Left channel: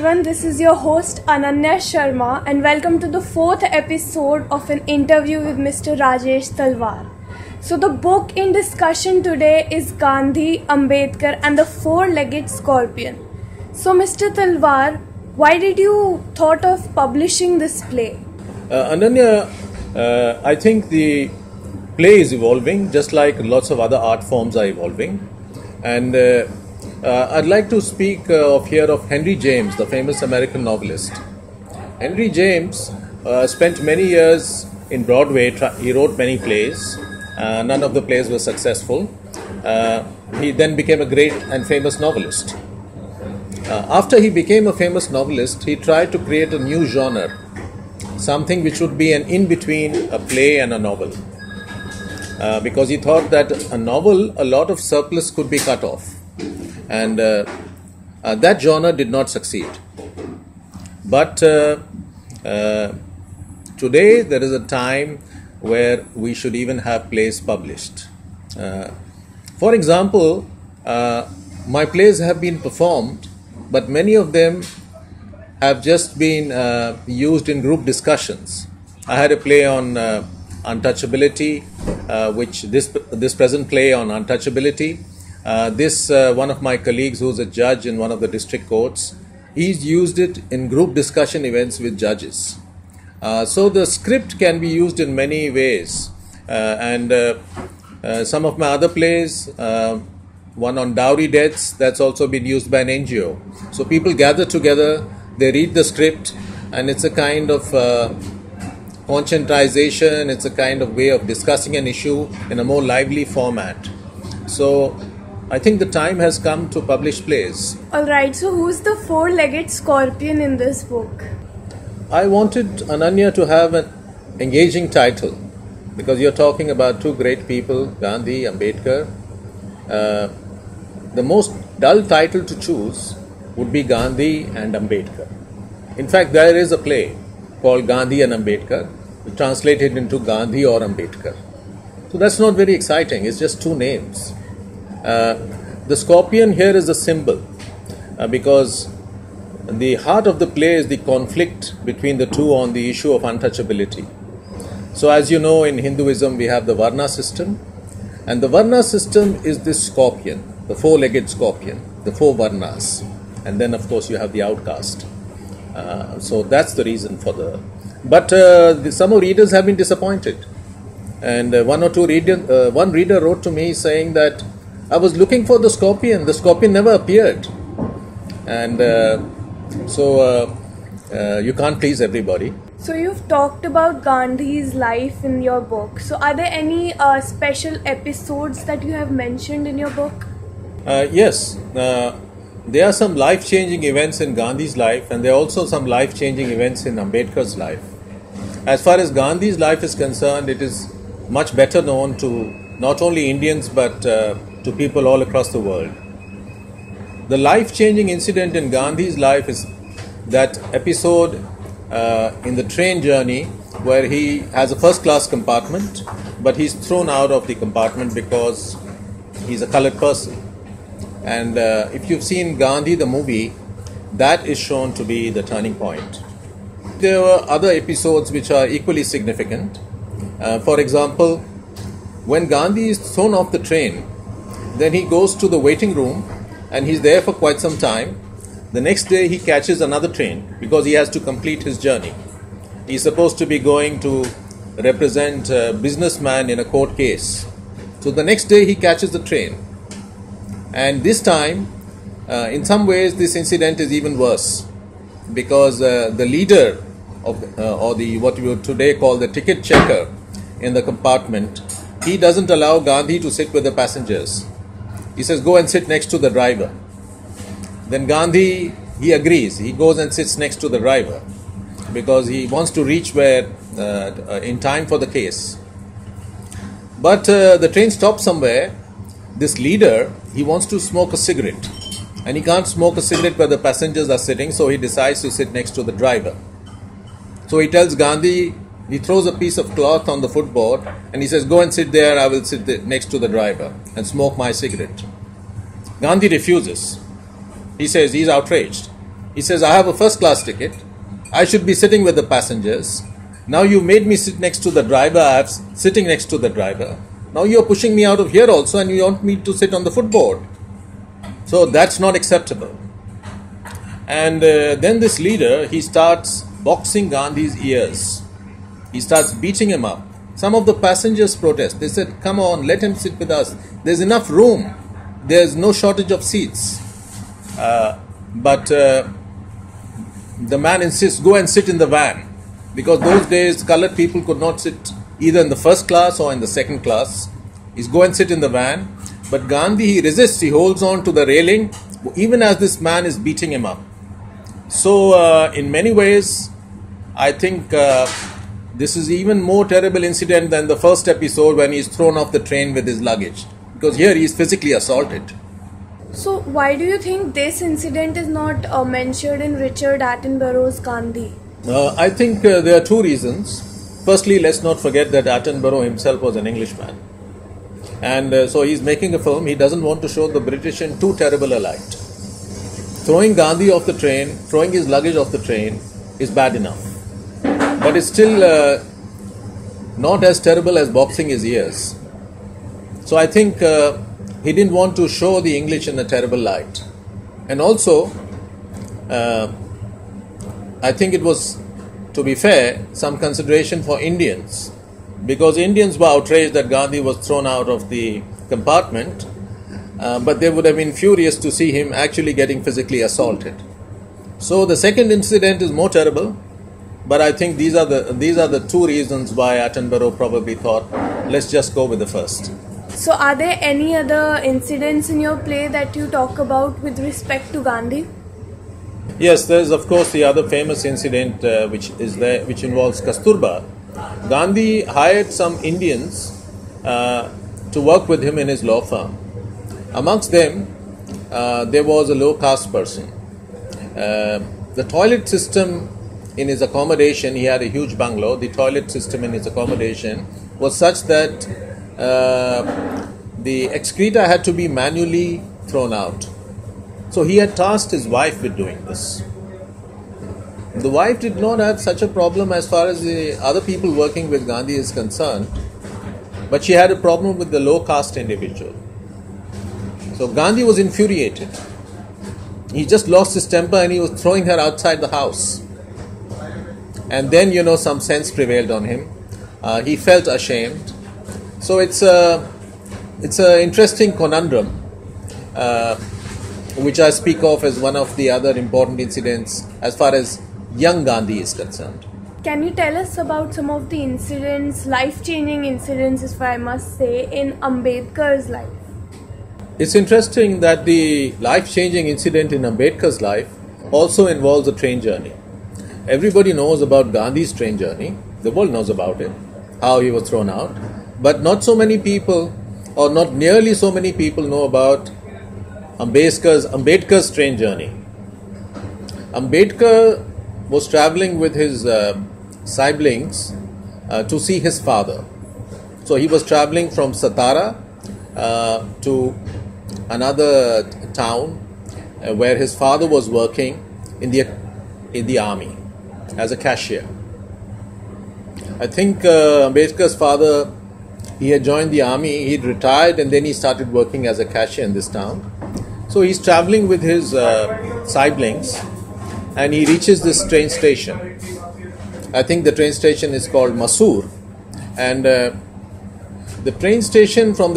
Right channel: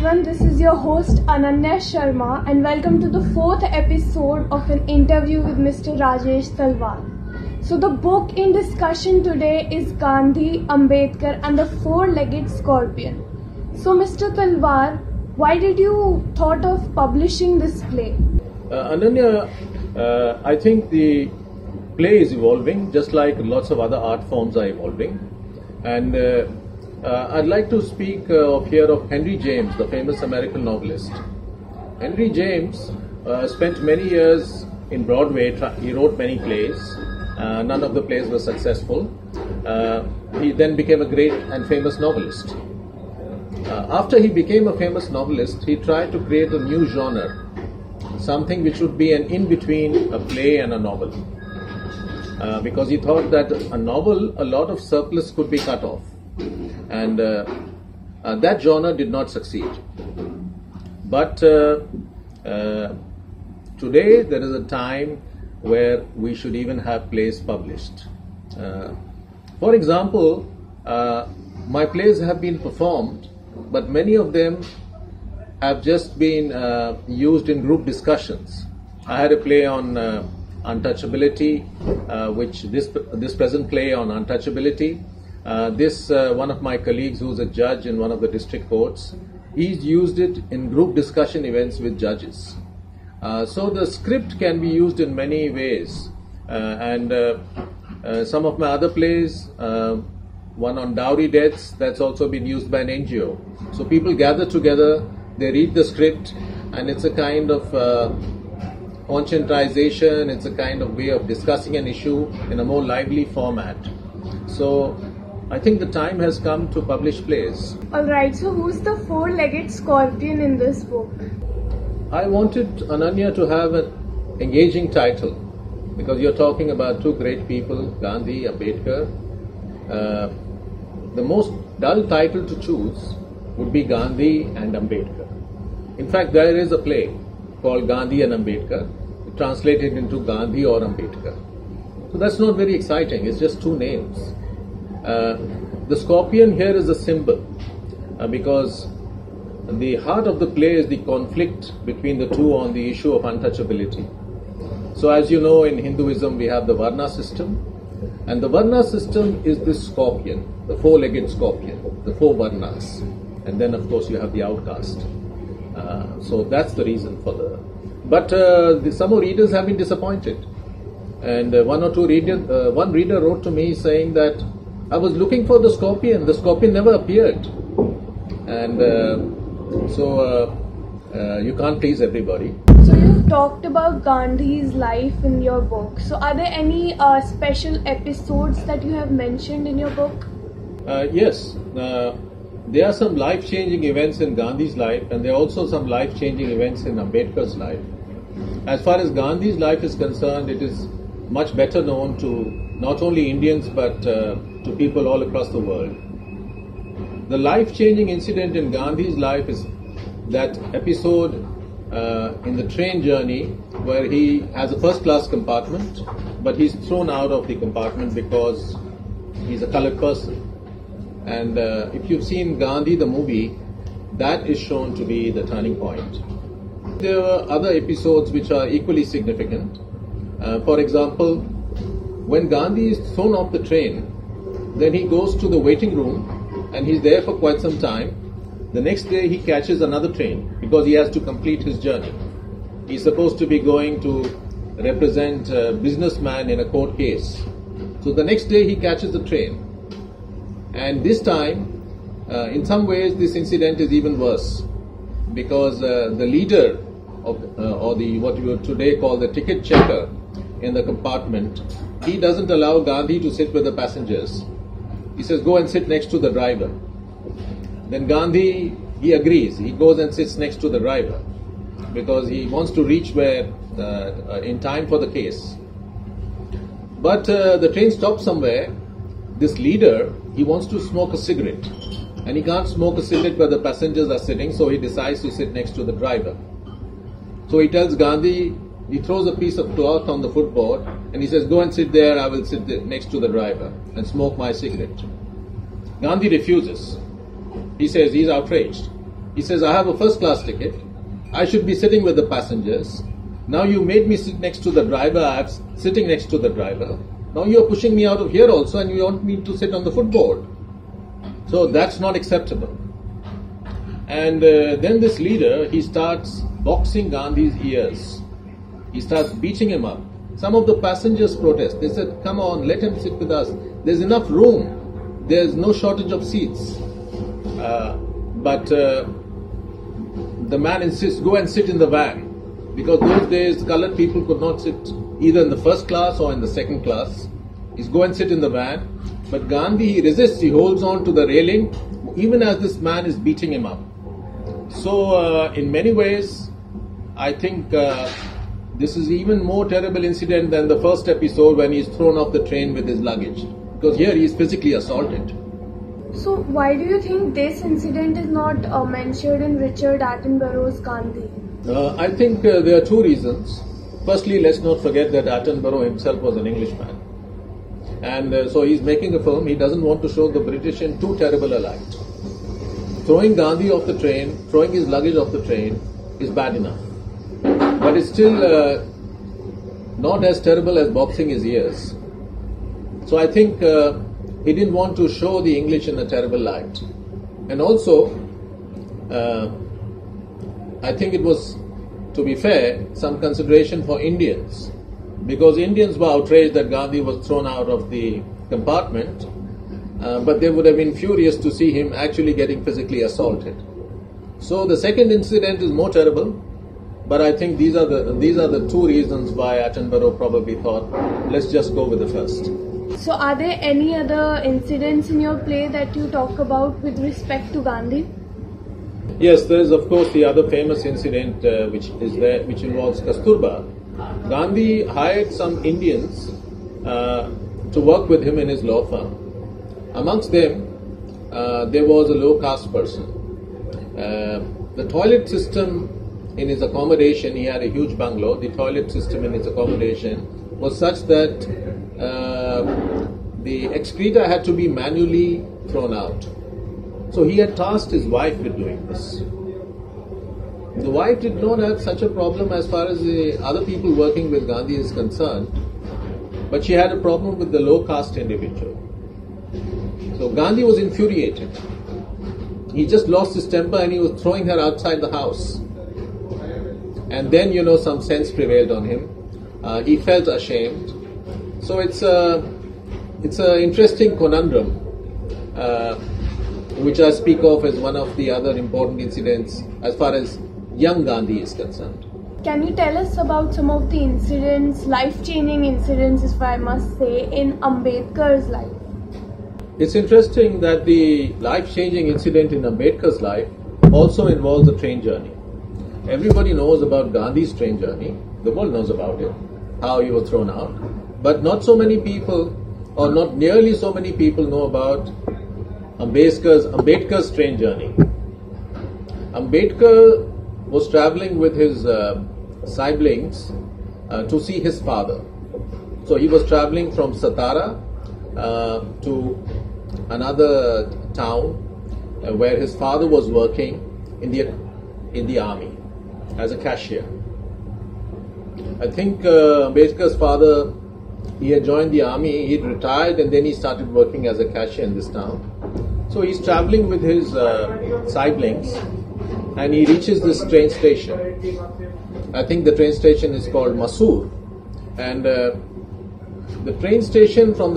everyone, this is your host Ananya Sharma and welcome to the fourth episode of an interview with Mr. Rajesh Talwar. So the book in discussion today is Gandhi, Ambedkar and the Four-Legged Scorpion. So Mr. Talwar, why did you thought of publishing this play? Ananya, I think the play is evolving just like lots of other art forms are evolving. And I'd like to speak here of Henry James, the famous American novelist. Henry James spent many years in Broadway. He wrote many plays. None of the plays were successful. He then became a great and famous novelist. After he became a famous novelist, he tried to create a new genre, something which would be an in-between a play and a novel. Because he thought that a novel, a lot of surplus could be cut off. And that genre did not succeed. But today there is a time where we should even have plays published. For example, my plays have been performed, but many of them have just been used in group discussions. I had a play on untouchability, which this present play on untouchability. One of my colleagues who's a judge in one of the district courts, he's used it in group discussion events with judges. So the script can be used in many ways. Some of my other plays, one on dowry deaths, that's also been used by an NGO. So people gather together, they read the script, and it's a kind of conscientization, it's a kind of way of discussing an issue in a more lively format. So I think the time has come to publish plays. Alright, so who's the four-legged scorpion in this book? I wanted Ananya to have an engaging title because you're talking about two great people, Gandhi, Ambedkar. The most dull title to choose would be Gandhi and Ambedkar. In fact, there is a play called Gandhi and Ambedkar, translated into Gandhi or Ambedkar. So that's not very exciting, it's just two names. The scorpion here is a symbol because the heart of the play is the conflict between the two on the issue of untouchability. So as you know, in Hinduism we have the Varna system, and the Varna system is this scorpion, the four-legged scorpion, the four Varnas, and then of course you have the outcast. So that's the reason for the... But some readers have been disappointed, and one reader wrote to me saying that I was looking for the scorpion never appeared. And you can't please everybody. So you've talked about Gandhi's life in your book. So are there any special episodes that you have mentioned in your book? Yes. There are some life-changing events in Gandhi's life, and there are also some life-changing events in Ambedkar's life. As far as Gandhi's life is concerned, it is much better known to not only Indians but to people all across the world. The life-changing incident in Gandhi's life is that episode in the train journey where he has a first-class compartment, but he's thrown out of the compartment because he's a colored person. And if you've seen Gandhi, the movie, that is shown to be the turning point. There are other episodes which are equally significant. For example, when Gandhi is thrown off the train, then he goes to the waiting room and he's there for quite some time. The next day he catches another train because he has to complete his journey. He's supposed to be going to represent a businessman in a court case. So the next day he catches the train. And this time, in some ways, this incident is even worse because the leader of, or what we would today call the ticket checker in the compartment, he doesn't allow Gandhi to sit with the passengers. He says, go and sit next to the driver. Then Gandhi, he agrees. He goes and sits next to the driver because he wants to reach where in time for the case. But the train stops somewhere. This leader, he wants to smoke a cigarette, and he can't smoke a cigarette where the passengers are sitting, so he decides to sit next to the driver. So he tells Gandhi, he throws a piece of cloth on the footboard and he says, go and sit there, I will sit there next to the driver and smoke my cigarette. Gandhi refuses. He says he's outraged. He says, I have a first class ticket. I should be sitting with the passengers. Now you made me sit next to the driver. I'm sitting next to the driver. Now you're pushing me out of here also and you want me to sit on the footboard. So that's not acceptable. And then this leader, he starts boxing Gandhi's ears. He starts beating him up. Some of the passengers protest. They said, come on, let him sit with us. There's enough room. There's no shortage of seats. But the man insists, go and sit in the van. Because those days, colored people could not sit either in the first class or in the second class. He's go and sit in the van. But Gandhi, he resists. He holds on to the railing, even as this man is beating him up. So, in many ways, I think this is even more terrible incident than the first episode when he's thrown off the train with his luggage. Because here he is physically assaulted. So why do you think this incident is not mentioned in Richard Attenborough's Gandhi? I think there are two reasons. Firstly, let's not forget that Attenborough himself was an Englishman. And so he's making a film. He doesn't want to show the British in too terrible a light. Throwing Gandhi off the train, throwing his luggage off the train is bad enough. But it's still not as terrible as boxing his ears. So I think he didn't want to show the English in a terrible light. And also, I think it was, to be fair, some consideration for Indians. Because Indians were outraged that Gandhi was thrown out of the compartment. But they would have been furious to see him actually getting physically assaulted. So the second incident is more terrible. But I think these are the two reasons why Attenborough probably thought, let's just go with the first. So are there any other incidents in your play that you talk about with respect to Gandhi? Yes, there is of course the other famous incident which involves Kasturba. Gandhi hired some Indians to work with him in his law firm. Amongst them, there was a low caste person. The toilet system in his accommodation, he had a huge bungalow. The toilet system in his accommodation was such that the excreta had to be manually thrown out. So he had tasked his wife with doing this. The wife did not have such a problem as far as the other people working with Gandhi is concerned, but she had a problem with the low caste individual. So Gandhi was infuriated. He just lost his temper and he was throwing her outside the house. And then, some sense prevailed on him. He felt ashamed. So it's an interesting conundrum, which I speak of as one of the other important incidents as far as young Gandhi is concerned. Can you tell us about some of the incidents, life-changing incidents, if I must say, in Ambedkar's life? It's interesting that the life-changing incident in Ambedkar's life also involves a train journey. Everybody knows about Gandhi's train journey. The world knows about it, how he was thrown out. But not so many people, or not nearly so many people know about Ambedkar's train journey. Ambedkar was traveling with his siblings to see his father. So he was traveling from Satara to another town where his father was working in the army as a cashier. I think Ambedkar's father, he had joined the army, he'd retired, and then he started working as a cashier in this town. So he's traveling with his siblings, and he reaches this train station. I think the train station is called Masoor, and from the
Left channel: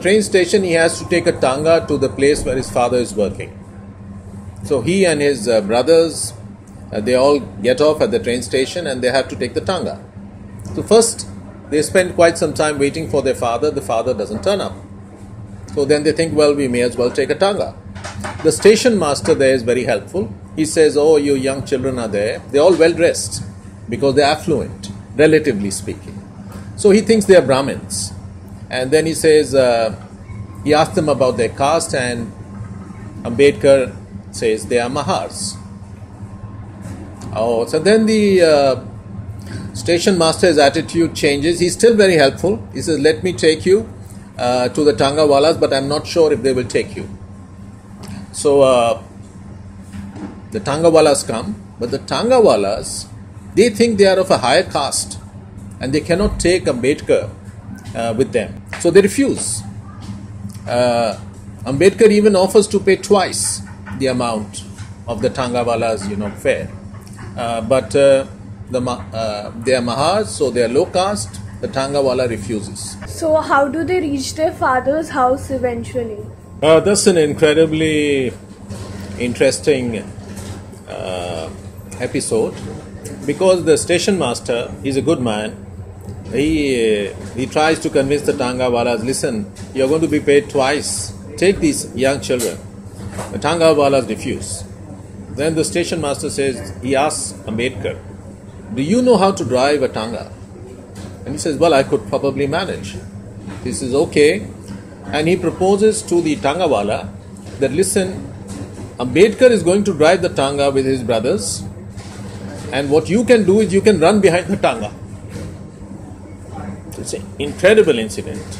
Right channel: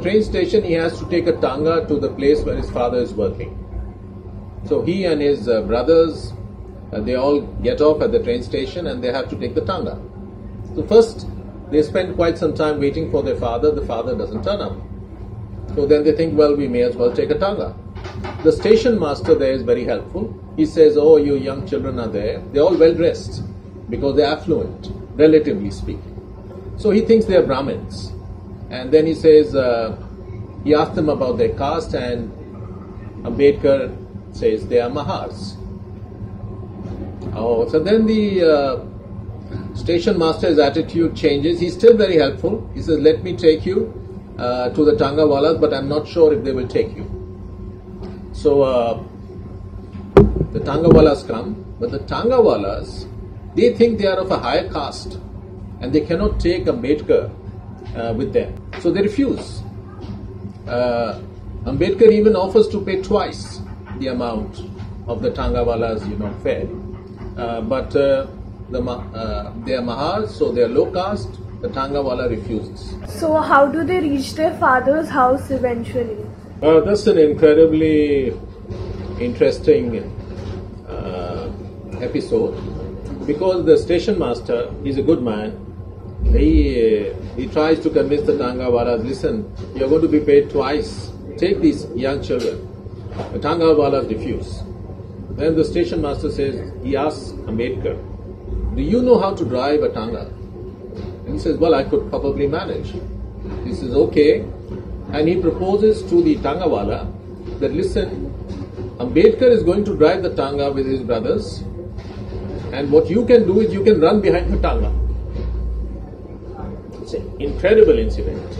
train station he has to take a tanga to the place where his father is working. So he and his brothers, they all get off at the train station and they have to take the tanga. So first they spend quite some time waiting for their father. The father doesn't turn up. So then they think, well, we may as well take a tanga. The station master there is very helpful. He says, oh, you young children are there. They're all well dressed because they're affluent, relatively speaking. So he thinks they are Brahmins. And then he says, he asks them about their caste, and Ambedkar says they are Mahars. Oh, so then the station master's attitude changes. He's still very helpful. He says, let me take you to the Tangawalas, but I'm not sure if they will take you. So the Tangawalas come, but the Tangawalas, they think they are of a higher caste and they cannot take Ambedkar with them. So they refuse. Ambedkar even offers to pay twice the amount of the Tangawalas, fare. But they are Mahars, so they are low caste. The Tangawala refuses. So how do they reach their father's house eventually? That's an incredibly interesting episode, because the station master, he's a good man. He tries to convince the Tangawalas, listen, you're going to be paid twice. Take these young children. The Tangawalas refuse. Then the station master says, he asks Ambedkar, do you know how to drive a Tanga? And he says, well, I could probably manage. He says, okay. And he proposes to the Tangawala that, listen, Ambedkar is going to drive the Tanga with his brothers, and what you can do is you can run behind the Tanga. It's an incredible incident.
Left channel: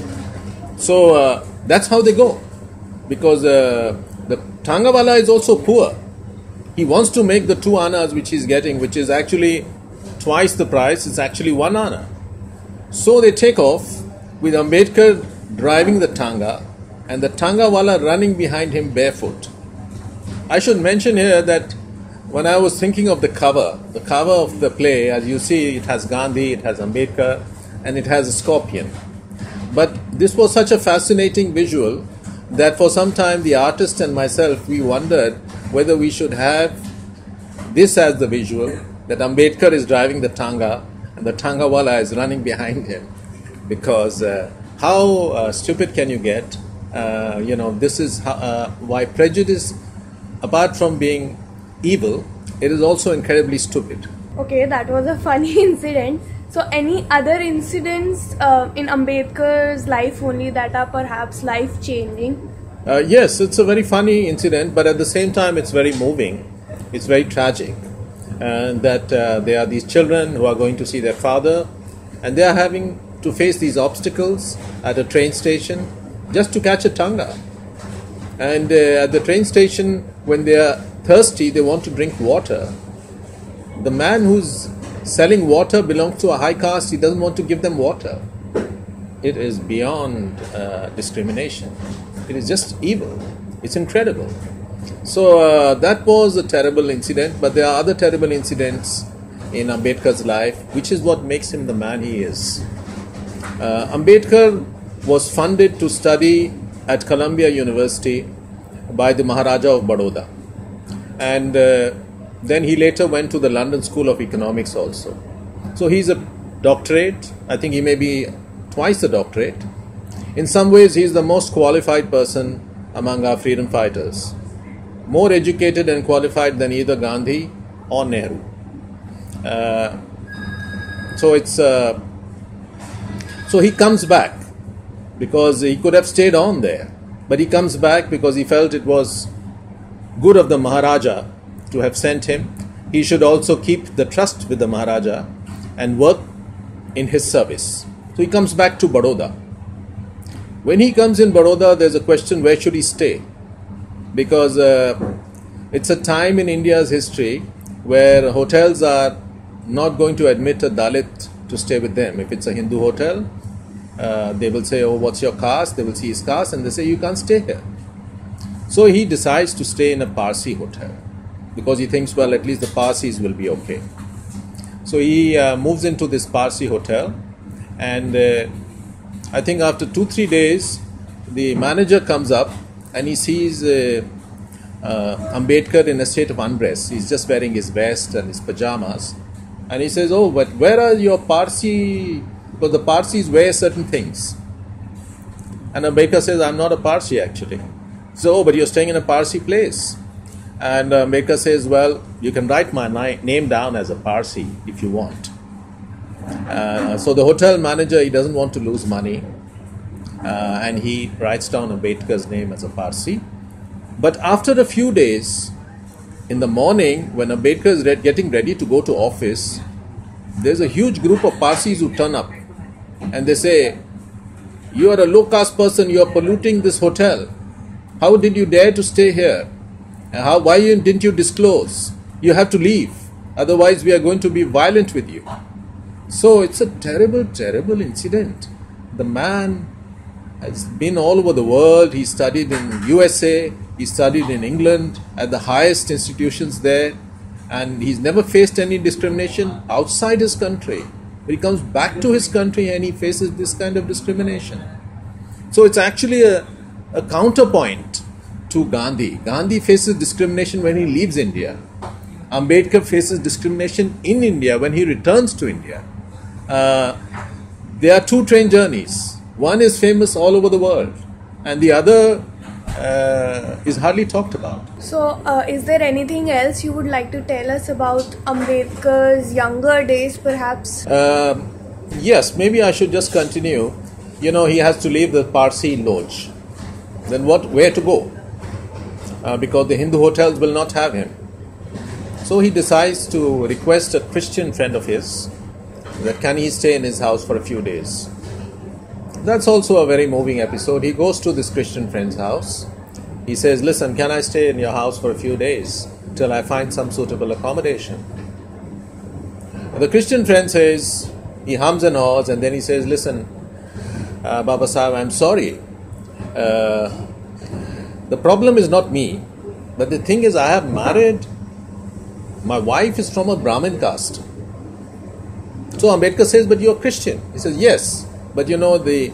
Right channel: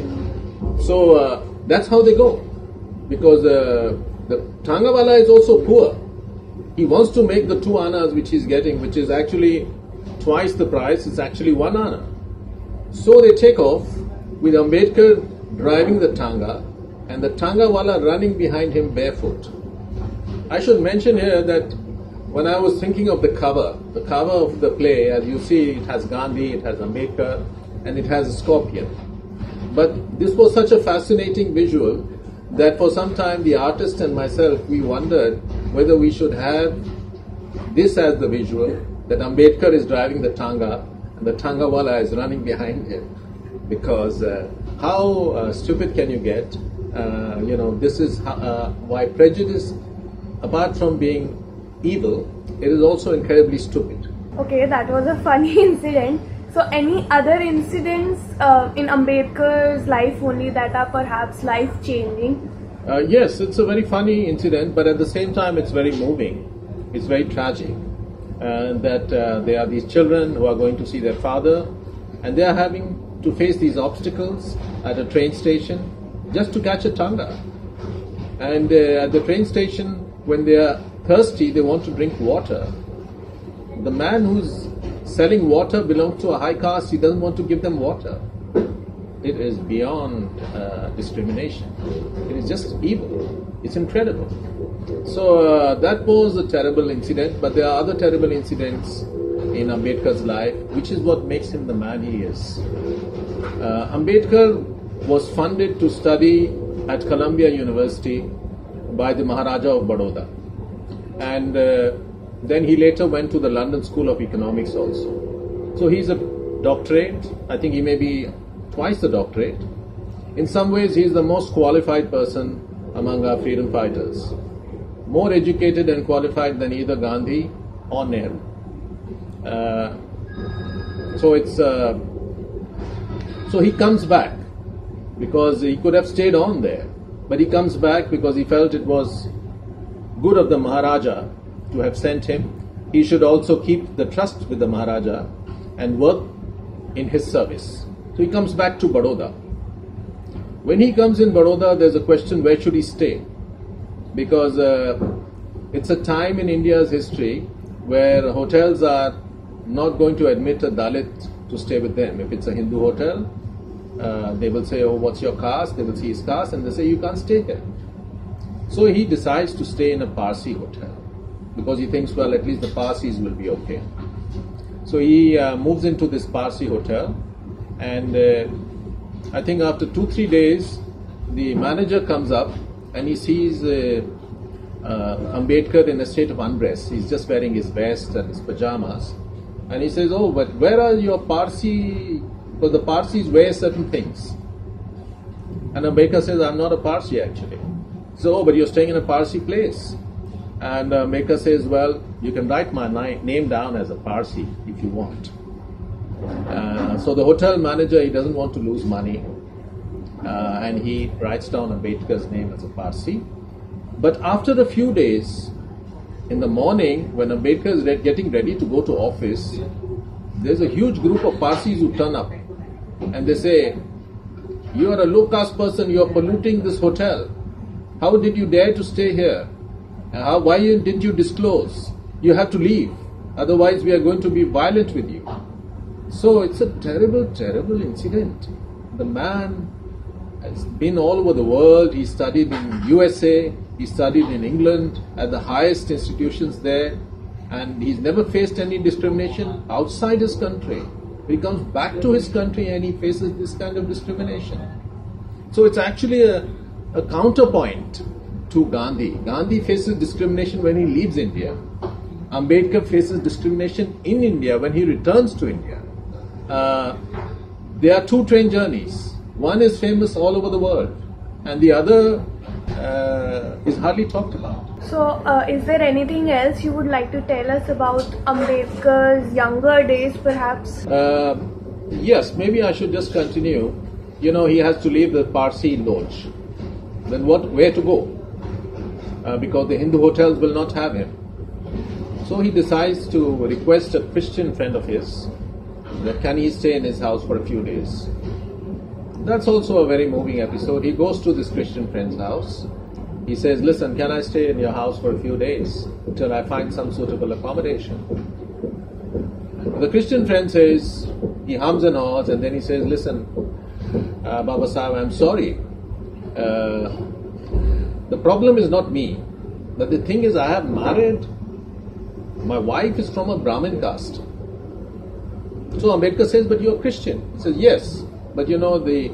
So that's how they go, because the Tangawala is also poor. He wants to make the 2 annas which he's getting, which is actually twice the price. It's actually 1 anna. So they take off with Ambedkar driving the Tanga and the Tangawala running behind him barefoot. I should mention here that when I was thinking of the cover of the play, as you see, it has Gandhi, it has Ambedkar, and it has a scorpion. But this was such a fascinating visual that for some time the artist and myself, we wondered whether we should have this as the visual, that Ambedkar is driving the Tanga and the Tangawala is running behind him. Because how stupid can you get? This is why prejudice, apart from being evil, it is also incredibly stupid. Okay, that was a funny incident. So any other incidents in Ambedkar's life only that are perhaps life-changing? Yes, it's a very funny incident, but at the same time it's very moving. It's very tragic. That there are these children who are going to see their father, and they are having to face these obstacles at a train station just to catch a Tanga. And at the train station, when they are thirsty, they want to drink water. The man who's selling water belongs to a high caste. He doesn't want to give them water. It is beyond discrimination. It is just evil. It's incredible. So that was a terrible incident, but there are other terrible incidents in Ambedkar's life, which is what makes him the man he is. Ambedkar was funded to study at Columbia University by the Maharaja of Baroda, and then he later went to the London School of Economics also. So he's a doctorate. I think he may be twice a doctorate. In some ways, he's the most qualified person among our freedom fighters, more educated and qualified than either Gandhi or Nehru. So he comes back because he could have stayed on there, but he comes back because he felt it was good of the Maharaja to have sent him. He should also keep the trust with the Maharaja and work in his service. So he comes back to Baroda. When he comes in Baroda, there's a question, where should he stay? Because it's a time in India's history where hotels are not going to admit a Dalit to stay with them. If it's a Hindu hotel, they will say, oh, what's your caste? They will see his caste and they say, you can't stay here. So he decides to stay in a Parsi hotel because he thinks, well, at least the Parsis will be okay. So he moves into this Parsi hotel, and I think after 2-3 days, the manager comes up and he sees Ambedkar in a state of undress. He's just wearing his vest and his pajamas. And he says, oh, but where are your Parsi? Because the Parsis wear certain things. And Ambedkar says, I'm not a Parsi actually. So, but you're staying in a Parsi place. And Ambedkar says, well, you can write my name down as a Parsi if you want. So the hotel manager, he doesn't want to lose money. And he writes down Ambedkar's name as a Parsi. But after a few days, in the morning, when Ambedkar is getting ready to go to office, there's a huge group of Parsis who turn up. And they say, you are a low caste person, you are polluting this hotel. How did you dare to stay here? Why didn't you disclose? You have to leave. Otherwise, we are going to be violent with you. So it's a terrible, terrible incident. The man has been all over the world. He studied in USA. He studied in England at the highest institutions there. And he's never faced any discrimination outside his country. But he comes back to his country and he faces this kind of discrimination. So it's actually a counterpoint to Gandhi. Gandhi faces discrimination when he leaves India. Ambedkar faces discrimination in India when he returns to India. There are two train journeys. One is famous all over the world and the other is hardly talked about. So, is there anything else you would like to tell us about Ambedkar's younger days, perhaps? Yes, maybe I should just continue. You know, he has to leave the Parsi lodge. Then where to go? Because the Hindu hotels will not have him. So he decides to request a Christian friend of his that can he stay in his house for a few days. That's also a very moving episode. He goes to this Christian friend's house. He says, listen, can I stay in your house for a few days till I find some suitable accommodation? The Christian friend says, he hums and haws, and then he says, listen, Baba Sahib, I'm sorry. The problem is not me, but the thing is I have married, my wife is from a Brahmin caste. So Ambedkar says, but you're Christian. He says, yes, but you know, the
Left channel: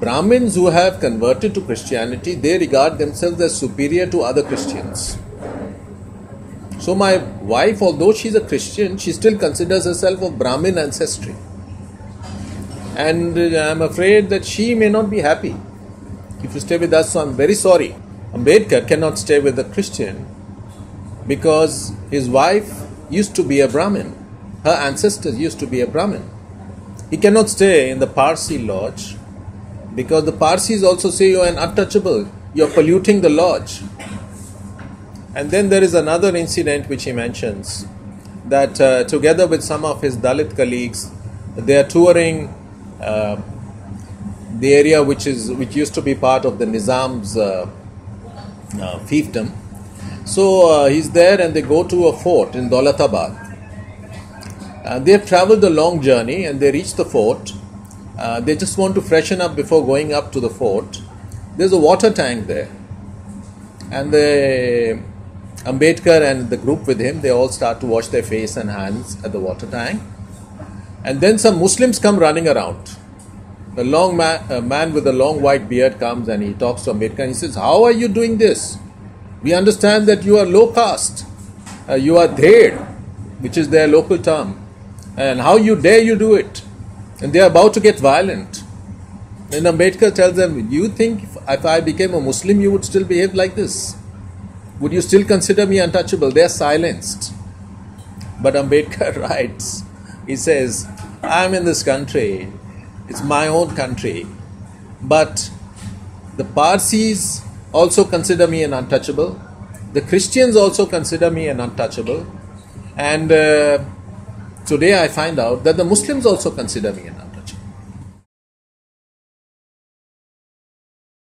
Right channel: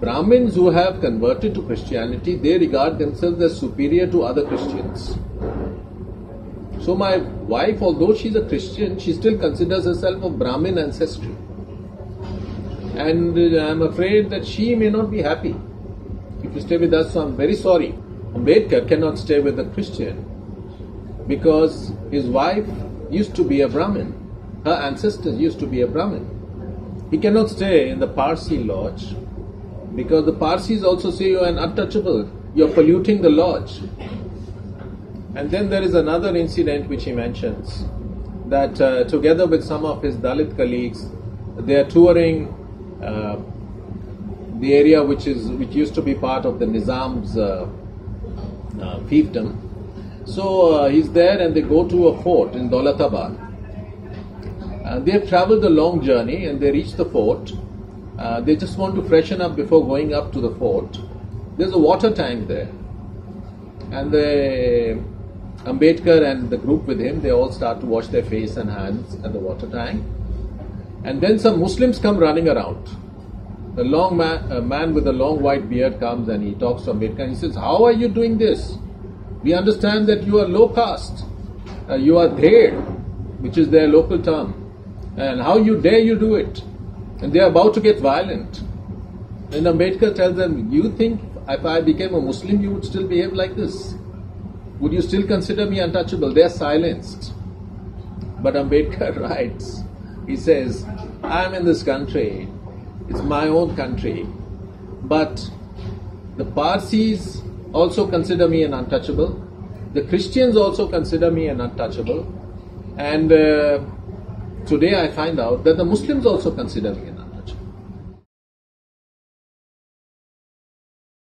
Brahmins who have converted to Christianity, they regard themselves as superior to other Christians. So my wife, although she's a Christian, she still considers herself of Brahmin ancestry. And I'm afraid that she may not be happy if you stay with us, so I'm very sorry. Ambedkar cannot stay with a Christian because his wife used to be a Brahmin. Her ancestors used to be a Brahmin. He cannot stay in the Parsi lodge because the Parsis also say you're an untouchable, you're polluting the lodge. And then there is another incident which he mentions, that together with some of his Dalit colleagues, they are touring the area which used to be part of the Nizam's fiefdom. So he's there and they go to a fort in Daulatabad. They have travelled a long journey and they reach the fort. They just want to freshen up before going up to the fort. There's a water tank there. And Ambedkar and the group with him, they all start to wash their face and hands at the water tank. And then some Muslims come running around. A man with a long white beard comes and he talks to Ambedkar and he says, how are you doing this? We understand that you are low caste. You are dhed, which is their local term. And how dare you do it? And they are about to get violent. And Ambedkar tells them, you think if I became a Muslim, you would still behave like this? Would you still consider me untouchable? They are silenced. But Ambedkar writes, he says, I'm in this country. It's my own country. But the Parsis also consider me an untouchable. The Christians also consider me an untouchable. And today I find out that the Muslims also consider me an